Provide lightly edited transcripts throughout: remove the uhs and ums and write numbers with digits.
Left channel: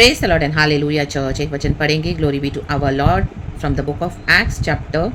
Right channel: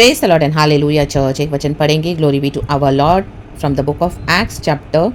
Praise the lord and hallelujah church. एक वचन पढ़ेंगे। Glory be to our lord from the book of acts chapter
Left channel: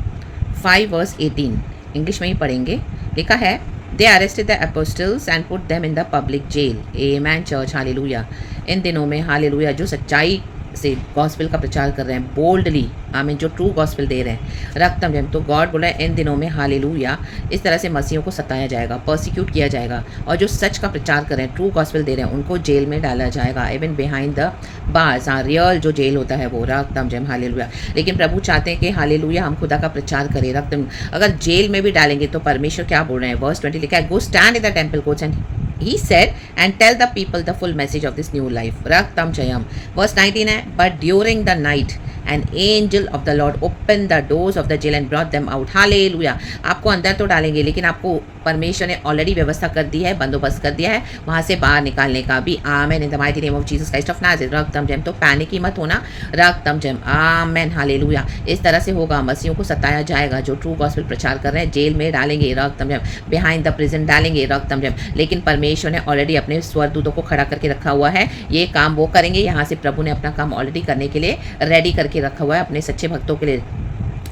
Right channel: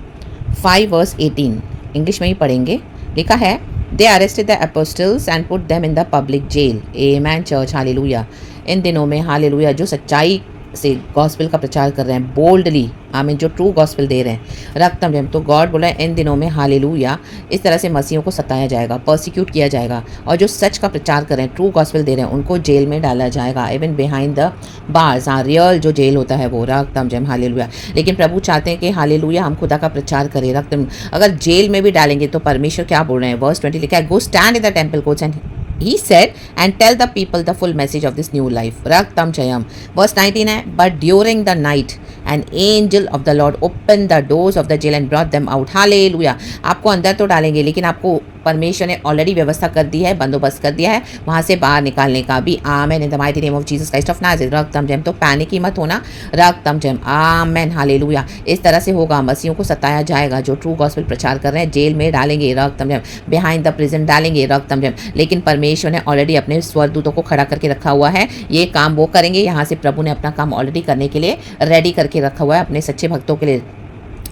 5 verse 18। English में ही पढ़ेंगे। लिखा है, they arrested the apostles and put them in the public jail. Amen church, hallelujah. इन दिनों में हालेलुया जो सच्चाई से गॉस्पेल का प्रचार कर रहे हैं बोल्डली, आमीन, जो ट्रू गॉस्पेल दे रहे हैं रक्तम जम, तो गॉड बोला है इन दिनों में हालेलुया इस तरह से मसीहों को सताया जाएगा, पर्सिक्यूट किया जाएगा, और जो सच का प्रचार कर रहे हैं, ट्रू गॉस्पेल दे रहे हैं, उनको जेल में डाला जाएगा, इवन बिहाइंड द बार्स। हाँ, रियल जो जेल होता है वो रक्तम जम, हालेलुया। लेकिन प्रभु चाहते हैं कि हालेलुया हम खुदा का प्रचार करें रक्तम। अगर जेल में भी डालेंगे तो परमेश्वर क्या बोल रहे हैं, वर्स 20 लिखा है, go stand in the temple courts and he said and tell the people the full message of this new life. Raktam Jayam. Verse 19 है, but during the night an angel of the Lord opened the doors of the jail and brought them out. Hallelujah. आपको अंदर तो डालेंगे लेकिन आपको परमेश्वर ने already व्यवस्था कर दी है, बंदोबस्त कर दिया है वहाँ से बाहर निकालने का भी। Amen in the mighty name of Jesus Christ of Nazareth. रक्तम जम, तो पैनिक ही मत होना रक्तम जम। Amen hallelujah. इस तरह से होगा, मसीहों को सताया जाएगा जो ट्रू गॉस्पेल प्रचार कर रहे हैं, जेल में डालेंगे रक्तम जम, बिहाइंड द प्रिजन डालेंगे रक्तम जम। लेकिन परमेश्वर ने ऑलरेडी अपने स्वरदूतों को खड़ा करके रखा हुआ है, ये काम वो करेंगे। यहाँ से प्रभु ने अपना काम ऑलरेडी करने के लिए रेडी करके रखा हुआ है अपने सच्चे भक्तों के लिए।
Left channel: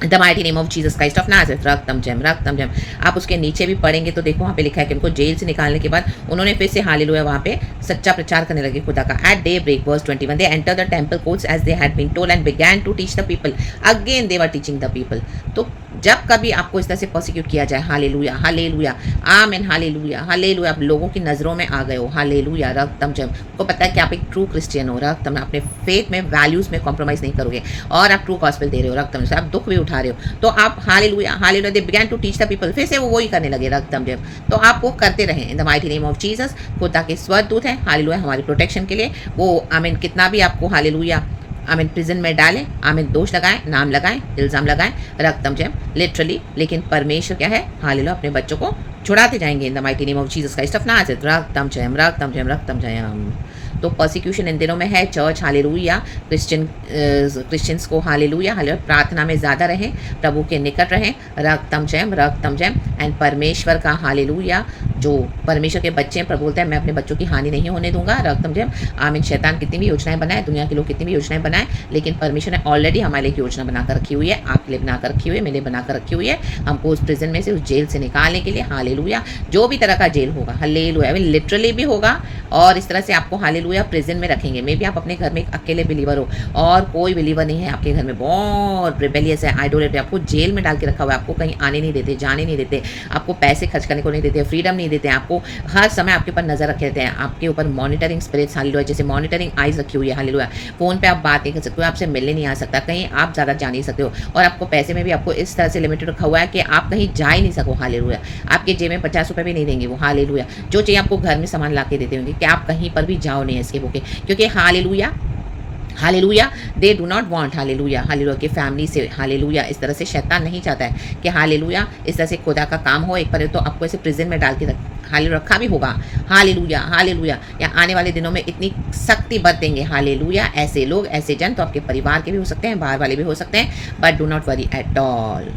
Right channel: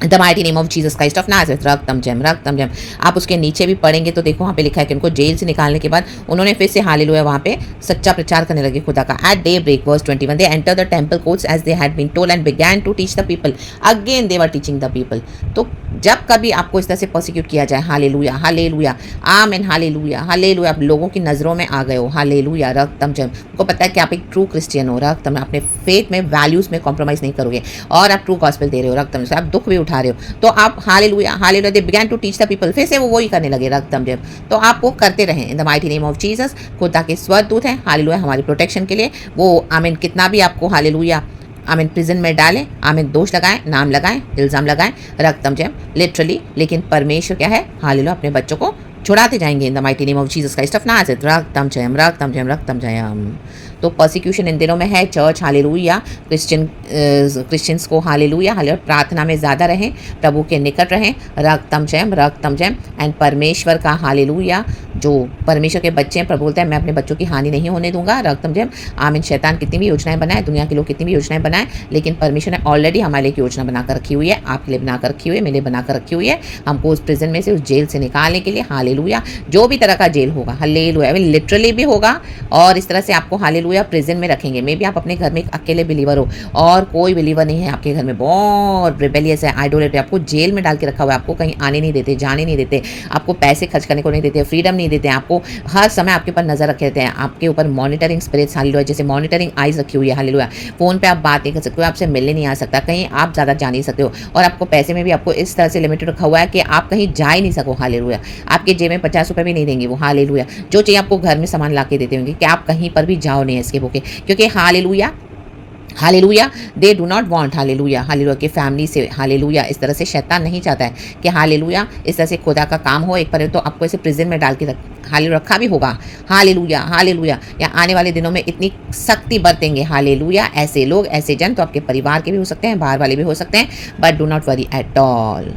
The mighty name of Jesus Christ of Nazareth. रक्तम जम, रक्तम जम। आप उसके नीचे भी पढ़ेंगे तो देखो वहाँ पे लिखा है कि उनको जेल से निकालने के बाद उन्होंने फिर से हालेलुया वहाँ पे सच्चा प्रचार करने लगे खुदा का। At daybreak verse 21 they enter the temple courts as they had been told and began to teach the people. Again they were teaching the people. तो जब कभी आपको इस तरह से प्रोसिक्यूट किया जाए, हालेलुया हालेलुया आमीन हालेलुया हालेलुया, आप लोगों की नज़रों में आ गए हो, हालेलुया रक्तम जम, को पता है कि आप एक ट्रू क्रिश्चियन हो रक्तम, अपने फेथ में वैल्यूज़ में कॉम्प्रोमाइज़ नहीं करोगे और आप ट्रू गॉस्पेल दे रहे हो रक्तम, आप दुख भी उठा रहे हो, तो आप hallelujah hallelujah they began to teach the people, फिर से वो वही करने लगे रक्तम जम। तो आप वो करते रहें इन the mighty name of Jesus. खुदा के स्वरदूत हैं हालेलुया हमारी प्रोटेक्शन के लिए। वो आमीन कितना भी आपको हालेलुया आमीन प्रिजन में डालें, आमीन दोष लगाएं, नाम लगाएं, इल्ज़ाम लगाएं रक्तम जम लिटरली, लेकिन परमेश्वर क्या है हालेलुया अपने बच्चों को छुड़ाते जाएंगे in the mighty name of Jesus Christ of Nazareth. रक्तम जम, रक्तम जम, रक्तम जम। तो पर्सिक्यूशन इन दिनों में है चर्च, हालेलुया। क्रिश्चियंस को हालेलुया हालेलुया प्रार्थना में ज़्यादा रहें, प्रभु के निकट रहें रक्तम जम एंड परमेश्वर का हालेलुया। जो परमेश्वर के बच्चे हैं, प्रभु बोलते हैं मैं अपने बच्चों की हानि नहीं होने दूंगा रक्तम जम। आमीन। शैतान कितनी भी योजनाएं बनाए, दुनिया के लोग कितनी भी योजनाएं बनाए, लेकिन परमेश्वर ने ऑलरेडी हमारे लिए योजना बनाकर रखी हुई है, आपके लिए बनाकर रखी हुई है, मेरे लिए बनाकर रखी हुई है, हमको उस प्रिजन में से, उस जेल से निकालने के लिए हालेलुया। जो भी तरह का जेल होगा हालेलुया, लिटरली भी होगा और इस तरह से आपको हालेलुया प्रिजन में रखेंगे। मे भी आप अपने घर में एक अकेले बिलीवर हो और कोई बिलीवर नहीं है आपके घर में, बहुत रिबेलियस है, आइडोलेटर, आपको जेल में डाल के रखा हुआ है, आपको कहीं आने नहीं देते, जाने नहीं देते, आपको पैसे खर्च करने को नहीं देते, फ्रीडम नहीं देते, आपको हर समय आपके ऊपर नजर रखे रहते हैं, आपके ऊपर मॉनिटरिंग स्पिरिट्स हालेलुया, जैसे मॉनिटरिंग आइज रखी हुई है हालेलुया। फोन पे आप बात नहीं कर सकते हो, आपसे मिलने नहीं आ सकता, कहीं आप ज़्यादा जा नहीं सकते हो, और आपको पैसे में भी आपको इस तरह से लिमिटेड रखा हुआ है कि आप कहीं जा ही नहीं सको हालेलुया। आपके जेब में 50 रुपये भी नहीं देंगे वो हालेलुया। जो चाहिए आपको घर में सामान ला के देते होंगे कि आप कहीं पर भी जाओ नहीं इसके भूखे, क्योंकि hallelujah hallelujah they do not want hallelujah hallelujah के फैमिली से हालेलुया। इस तरह से शैतान नहीं चाहता है कि हालेलुया इस तरह से खुदा का काम हो एक पर, तो आपको ऐसे प्रिजन में डाल के हालेलुया रखा भी होगा हालेलुया हालेलुया। या आने वाले दिनों में इतनी सख्ती बरतेंगे हालेलुया ऐसे लोग, ऐसे जन, तो आपके परिवार के भी हो सकते हैं, बाहर वाले भी हो सकते हैं, but do not worry at all.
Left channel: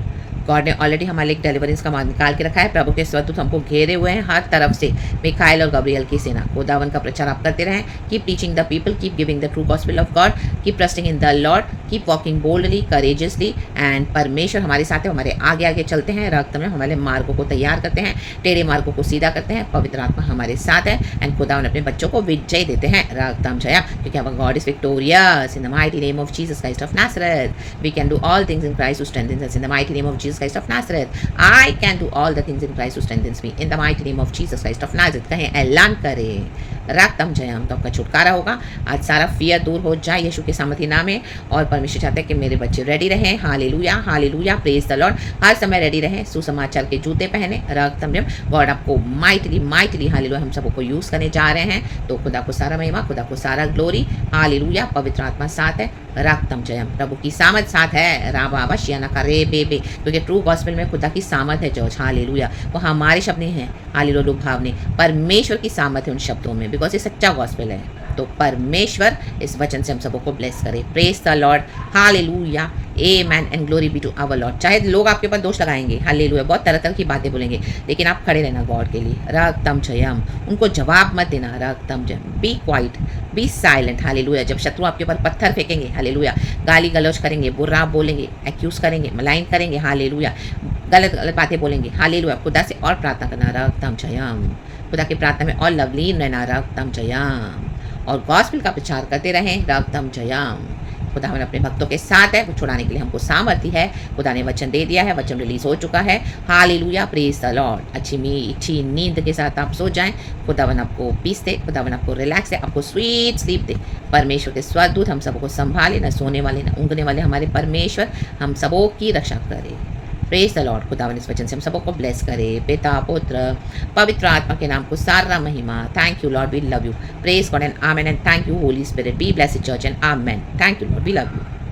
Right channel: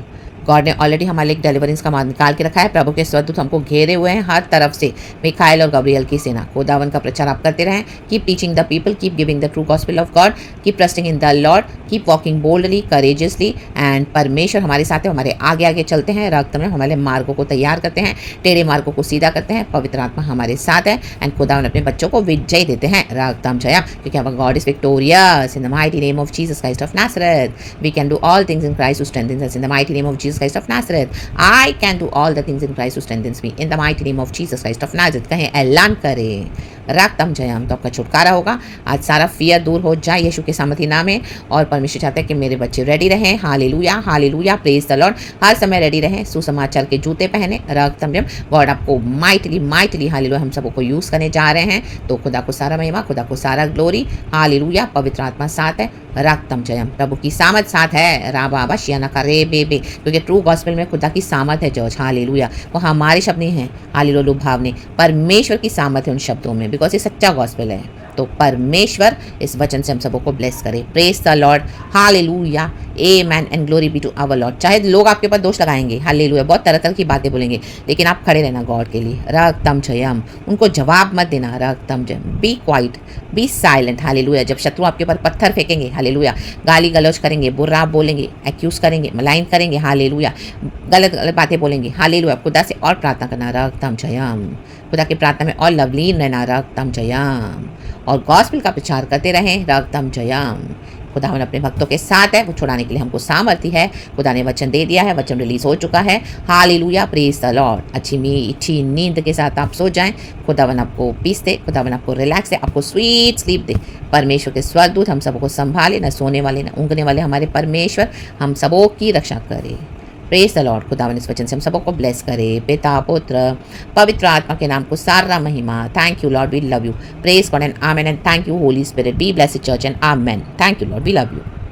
God ने ऑलरेडी हमारे लिए डिलीवरेंस का मार्ग निकाल के रखा है। प्रभु के स्वरदूत हमको घेरे हुए हैं हर तरफ से, मिखाइल और गब्रियल की सेना। खुदावन का प्रचार आप करते रहें, keep teaching the people, keep giving the true gospel of God, keep trusting in the Lord, keep walking boldly courageously, and परमेश्वर हमारे साथ है, हमारे आगे आगे चलते हैं रक्त में, हमारे मार्गों को तैयार करते हैं, टेढ़े मार्गों को सीधा करते हैं, पवित्र आत्मा हमारे साथ है, एंड खुदावन अपने बच्चों को विजय देते हैं रक्तम जया, क्योंकि हमारा God is victorious in the mighty name of Jesus Christ of Nazareth. We can do all things in Christ who strengthens us in the mighty name of Jesus Christ of Nazareth. I can do all the things in Christ who strengthens me in the mighty name of Jesus Christ of Nazareth। कहें, ऐलान करें रक्तम जयम, तो आपका छुटकारा होगा। आज सारा fear दूर हो जाए यीशु के सामर्थी नाम में, और परमेश्वर चाहते हैं कि मेरे बच्चे रेडी रहें hallelujah hallelujah praise the lord, हर समय रेडी रहें, सुसमाचार के जूते पहने रक्तम जयम। गॉड आपको माइटली माइटली हालेलुया हम सबको यूज़ करने जा रहे हैं, तो खुदा को सारा महिमा, खुदा को सारा ग्लोरी हालेलुया। पवित्र आत्मा साथ है रक्तम जयम, प्रभु की सामर्थ साथ है राबा बशियाना का रे बे, क्योंकि ट्रू गॉस्पेल में खुदा की सामर्थ है जॉर्ज हालेलुया। वो हमारे शब्द नहीं हैं हालेलुया लुभावनी, परमेश्वर की सामर्थ है उन शब्दों में, बिकॉज ये सच्चा गॉस्पेल है। तो परमेश्वर इस वचन से हम सबों को ब्लेस करे। Praise the Lord, hallelujah, amen and glory be to our Lord. चाहे लोग आपके ऊपर दोष लगाएंगे, हालेलुया, बहुत तरह तरह की बातें बोलेंगे, लेकिन आप खड़े रहना गॉड के लिए। रक्तम जयम, उनको जवाब मत देना। रक्तम जयम, be quiet, be silent, hallelujah. जब शत्रु आपके ऊपर पत्थर फेंकेंगे, हालेलुया, गाली गलौज करेंगे, बुरा बोलेंगे, एक्यूज करेंगे, मलाइन करेंगे, हालेलुया, गलत गलत बातें बोलेंगे, हालेलुया, खुदा से और प्रार्थना करना। रक्तम जयम, खुदा की प्रार्थना में और लवलीन रहना। रक्तम जयम, और गॉस्पेल का प्रचार करते रहें। रक्तम जयम, खुदा हम अपने भक्तों के साथ है, वो छुड़ाने के लिए हमको सामर्थ्य है। खुदा ने वचन दे दिया है, वचन रिलीज हो चुका है। Hallelujah, praise the Lord. अच्छी मीठी नींद के साथ आप सो जाएं। खुदावन आपको पीस दे, खुदावन आपको रिलैक्स दे, आपको स्वीट स्लीप दे। परमेश्वर के स्वर्गदूत हम सबको संभाले, न सोने वाले न ऊँघने वाले हमारे परमेश्वर हम सबों की रक्षा करे। Praise the Lord. खुदावन इस वचन से हम सबों को ब्लेस करे। पिता, पुत्र, पवित्र आत्मा के नाम को सारा महिमा। Thank you Lord, we love you. Praise God and amen and thank you Holy Spirit. Be blessed church and amen. Thank you Lord, we love you.